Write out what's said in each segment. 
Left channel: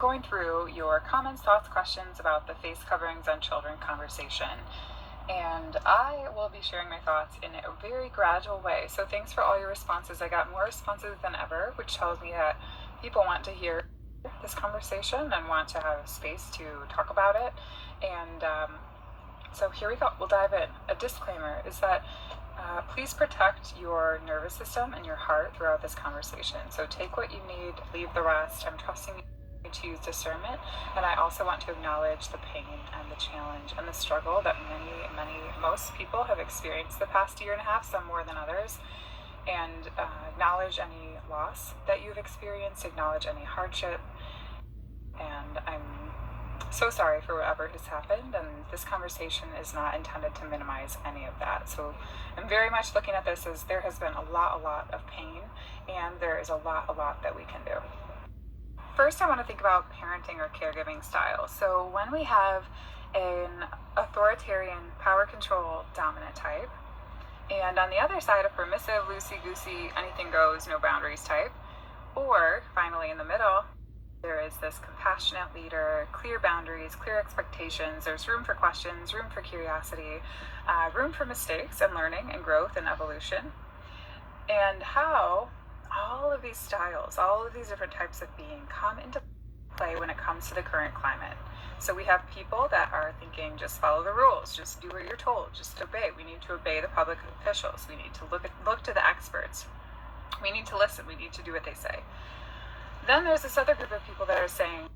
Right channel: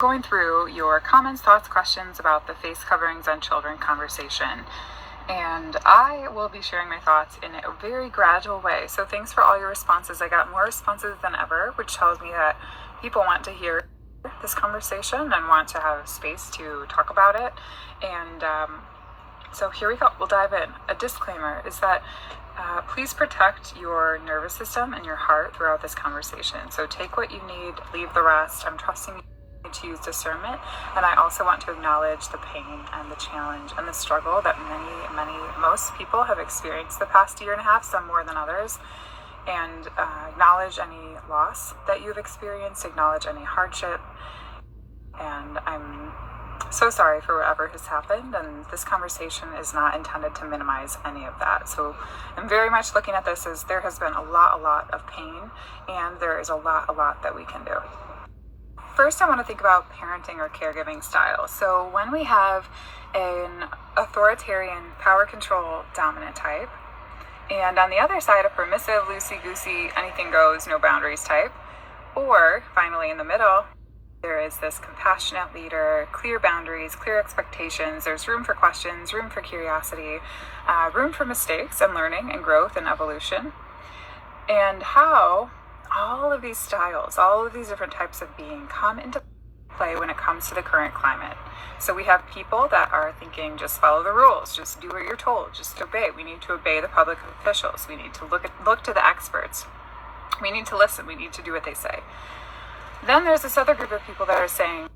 Going through your comments, thoughts, questions about the face coverings on children conversation. And I will be sharing my thoughts in a very gradual way. So thanks for all your responses. I got more responses than ever, which tells me that people want to hear this conversation and want to have space to talk about it. And so here we go. We'll dive in. A disclaimer is that please protect your nervous system and your heart throughout this conversation. So take what you need, leave the rest. I'm trusting you to use discernment, and I also want to acknowledge the pain and the challenge and the struggle that most people have experienced the past year and a half, some more than others, and acknowledge any loss that you've experienced, acknowledge any hardship, and I'm so sorry for whatever has happened, and this conversation is not intended to minimize any of that. So I'm very much looking at this as there has been a lot of pain, and there is a lot that we can do. First, I want to think about parenting or caregiving style. So when we have an authoritarian, power control, dominant type, and on the other side, a permissive, loosey-goosey, anything goes, no boundaries type, or finally in the middle, there is this compassionate leader, clear boundaries, clear expectations, there's room for questions, room for curiosity, room for mistakes and learning and growth and evolution, and how all of these styles, all of these different types of being come into play when it comes to the current climate. So we have people that are thinking, just follow the rules, just do what you're told, just obey. We need to obey the public officials. We need to look to the experts. We need to listen. We need to do what they say. Then there's this other group of people that are saying,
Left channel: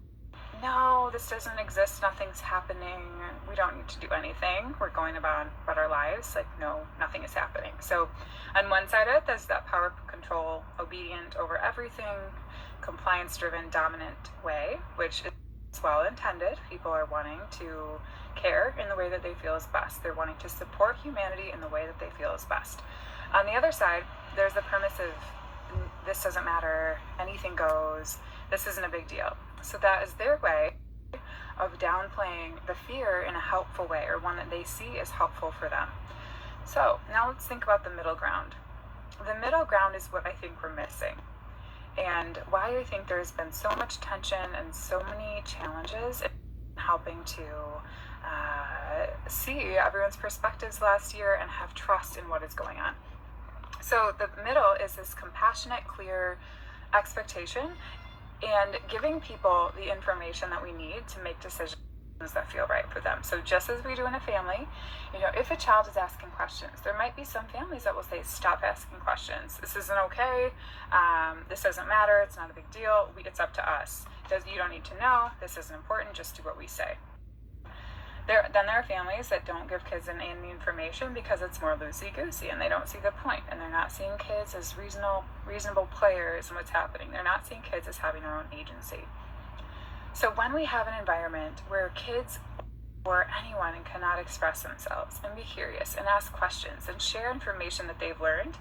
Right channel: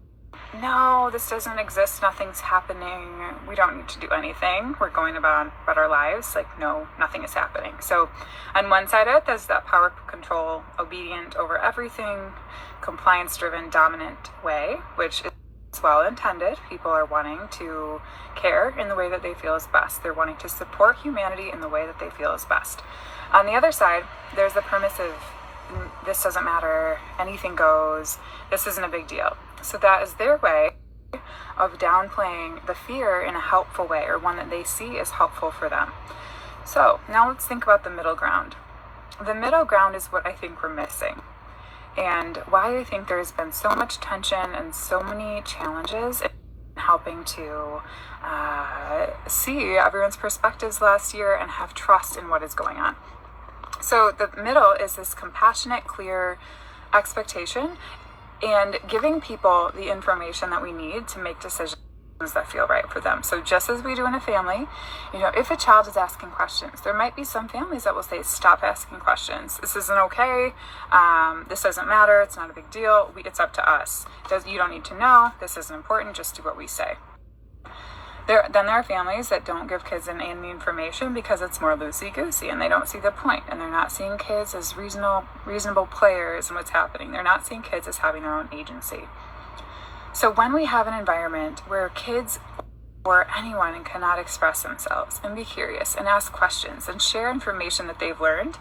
no, this doesn't exist, nothing's happening, we don't need to do anything, we're going about our lives, like no, nothing is happening. So on one side of it, there's that power control, obedient over everything, compliance-driven, dominant way, which is well intended. People are wanting to care in the way that they feel is best. They're wanting to support humanity in the way that they feel is best. On the other side, there's the permissive, this doesn't matter, anything goes, this isn't a big deal. So that is their way of downplaying the fear in a helpful way, or one that they see as helpful for them. So now let's think about the middle ground. The middle ground is what I think we're missing, and why I think there's been so much tension and so many challenges in helping to see everyone's perspectives last year and have trust in what is going on. So the middle is this compassionate, clear expectation and giving people the information that we need to make decisions that feel right for them. So just as we do in a family, if a child is asking questions, there might be some families that will say, stop asking questions. This isn't okay. This doesn't matter. It's not a big deal. It's up to us. You don't need to know. This isn't important. Just do what we say. Then there are families that don't give kids any information because it's more loosey-goosey and they don't see the point, and they're not seeing kids as reasonable players in what's happening. They're not seeing kids as having their own agency. So when we have an environment where kids or anyone cannot express themselves and be curious and ask questions and share information that they've learned,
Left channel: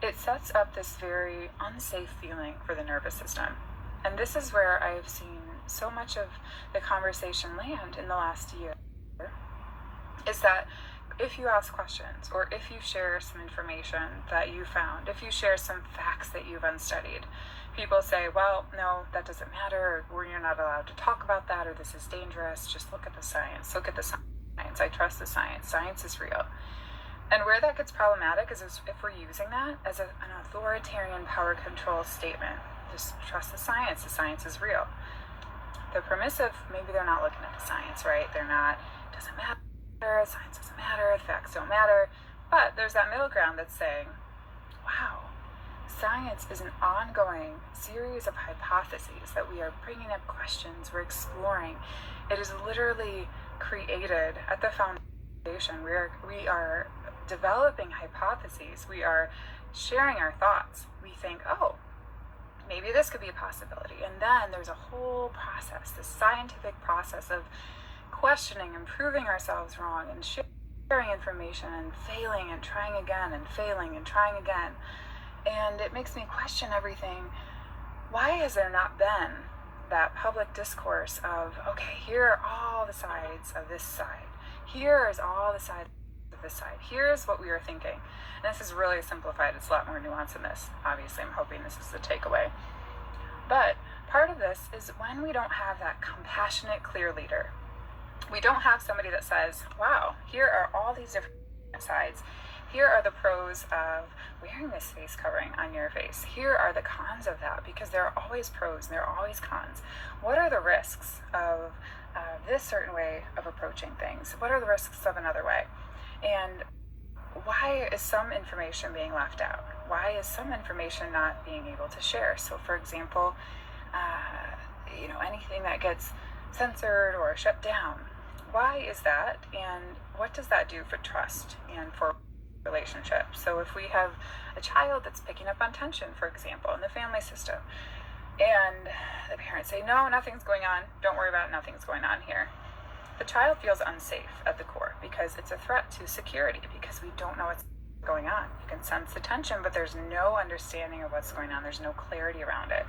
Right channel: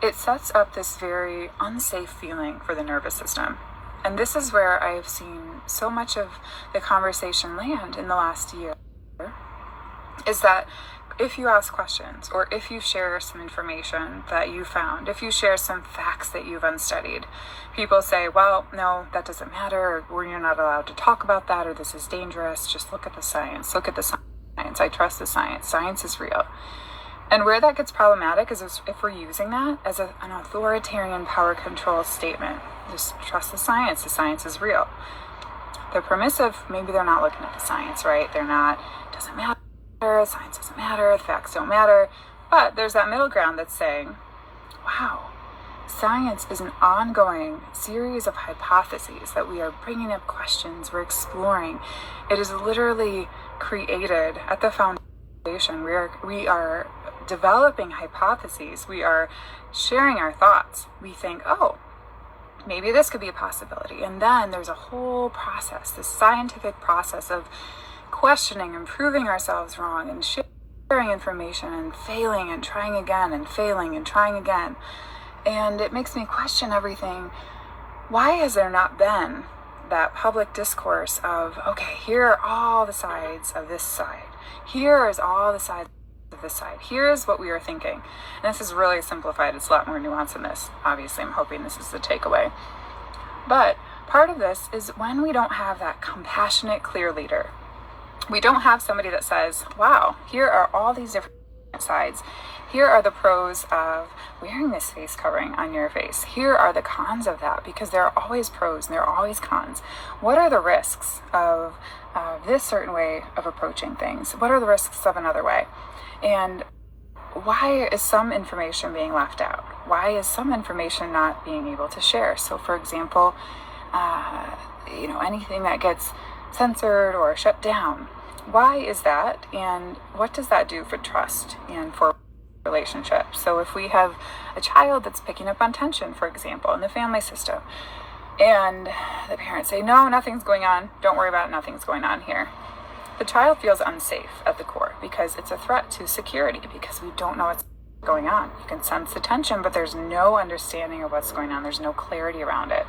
it sets up this very unsafe feeling for the nervous system. And this is where I've seen so much of the conversation land in the last year, is that if you ask questions, or if you share some information that you found, if you share some facts that you've unstudied, people say, well, no, that doesn't matter, or you're not allowed to talk about that, or this is dangerous, just look at the science, I trust the science is real. And where that gets problematic is if we're using that as an authoritarian power control statement. Just trust the science is real. They're permissive, maybe they're not looking at the science, right? They're not, it doesn't matter, science doesn't matter, the facts don't matter. But there's that middle ground that's saying, wow, science is an ongoing series of hypotheses that we are bringing up questions, we're exploring. It is literally created at the foundation. We are developing hypotheses. We are sharing our thoughts. We think, oh, maybe this could be a possibility. And then there's a whole process, this scientific process of questioning and proving ourselves wrong and sharing information and failing and trying again and failing and trying again. And it makes me question everything. Why has there not been that public discourse of, okay, here are all the sides of this side. Here is all the sides of this side. Here's what we are thinking. And this is really simplified. It's a lot more nuanced than this. Obviously, I'm hoping this is the takeaway. But part of this is when we don't have that compassionate, clear leader. We don't have somebody that says, wow, here are all these different sides. Here are the pros of wearing this face covering on your face. Here are the cons of that, because there are always pros and there are always cons. What are the risks of this certain way of approaching things? What are the risks of another way? And why is some information being left out? Why is some information not being able to share? So for example, anything that gets censored or shut down. Why is that? And what does that do for trust and for relationships? So if we have a child that's picking up on tension, for example, in the family system, and the parents say, no, nothing's going on, don't worry about it, nothing's going on here. The child feels unsafe at the core because it's a threat to security, because we don't know what's going on. You can sense the tension, but there's no understanding of what's going on. There's no clarity around it.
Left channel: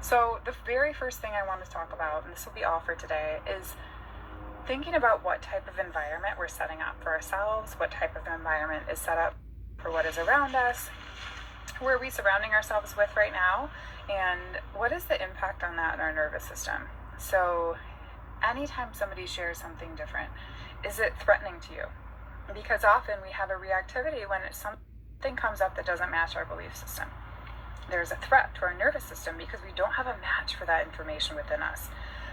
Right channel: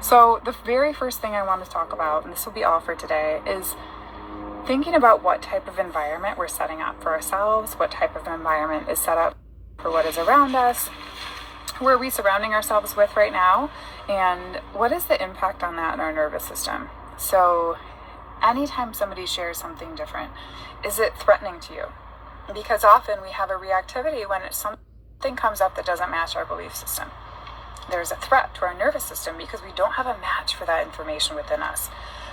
So the very first thing I want to talk about, and this will be all for today, is thinking about what type of environment we're setting up for ourselves, what type of environment is set up for what is around us, who are we surrounding ourselves with right now, and what is the impact on that in our nervous system. So anytime somebody shares something different, is it threatening to you? Because often we have a reactivity when something comes up that doesn't match our belief system. There's a threat to our nervous system because we don't have a match for that information within us.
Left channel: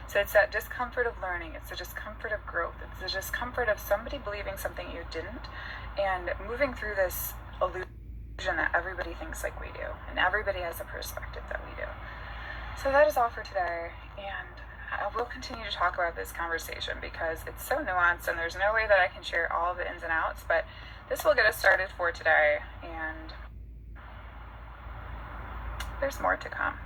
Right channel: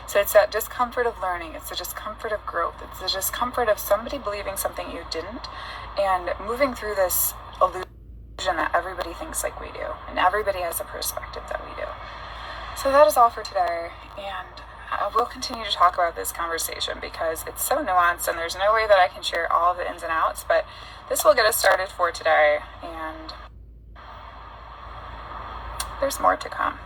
So it's that discomfort of learning, it's the discomfort of growth, it's the discomfort of somebody believing something you didn't, and moving through this illusion that everybody thinks like we do, and everybody has a perspective that we do. So that is all for today, and we'll continue to talk about this conversation because it's so nuanced and there's no way that I can share all of the ins and outs, but this will get us started for today, and there's more to come.